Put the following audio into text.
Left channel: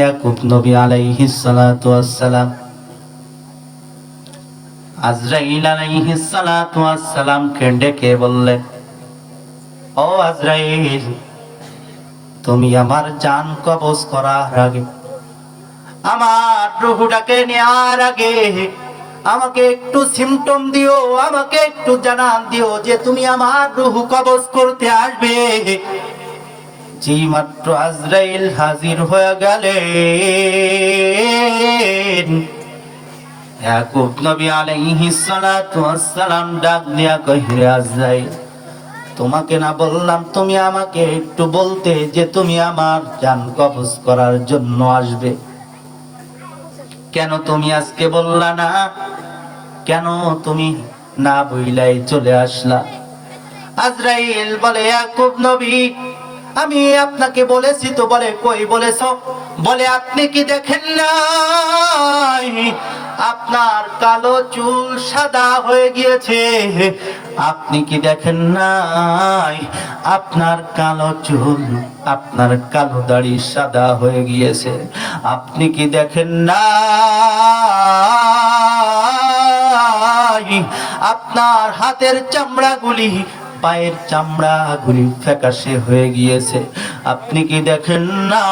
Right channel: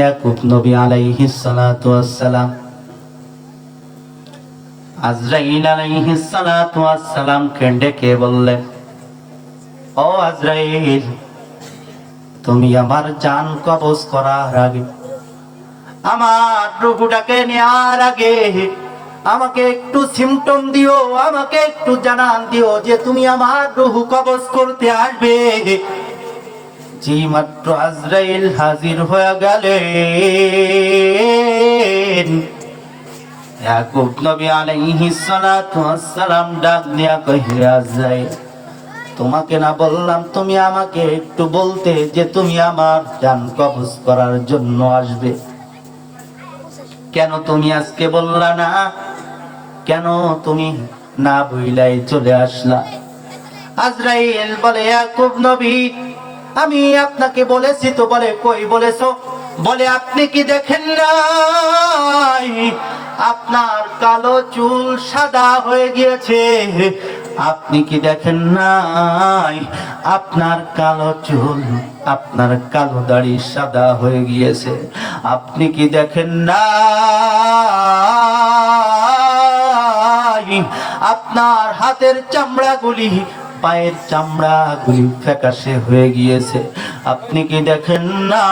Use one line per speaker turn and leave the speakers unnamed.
ইয়াকুব নবী আলাইহিস সালাতু ওয়াস সালাম আজরাইল আলাইহিস সালাতু ওয়াস সালাম কে ডেকে বললেন ও আজরাইল, তুমি আমার জান কবজ করার আগে, আমার রুহুটাকে নেওয়ার আগে আমাকে একটু সিমটম দিও, আমাকে একটু জানান দিও যে তুমি আমার রুহু কবজ করতে আসবে। জি মাত্র আজরাইল হাজির হয়ে গেলেন। ইয়াকুব নবী আলাইহিস সালাতু ওয়াস সালাম ডাক দিয়া কহিলে আজরাইল, তোমাকে না বললাম তুমি আমাকে একটু বলতে যে তুমি আমার জান কবজ করার জন্য আসবে? কেন তুমি আজকে বললা না? কেন তুমি না বইলাই চলে আসলা? আজরাইল বলে, ইয়াকুব নবী আমি আপনাকে বলেছি তো বলে কই বলেছ? বলে, আপনি কি দেখেন নাই? আপনার কালো চুল সাদা হয়ে গিয়েছে। আপনি কি দেখেন নাই? আপনার কালো চুল, আপনার কালো দাড়ি সাদা হয়ে গিয়েছে। আপনি কি দেখেন না আপনার হাতের চামড়াগুলি পায়ের চামড়া ঘুরি ফ্যাকাশে হয়ে গিয়েছে। আপনি কি দেখেন না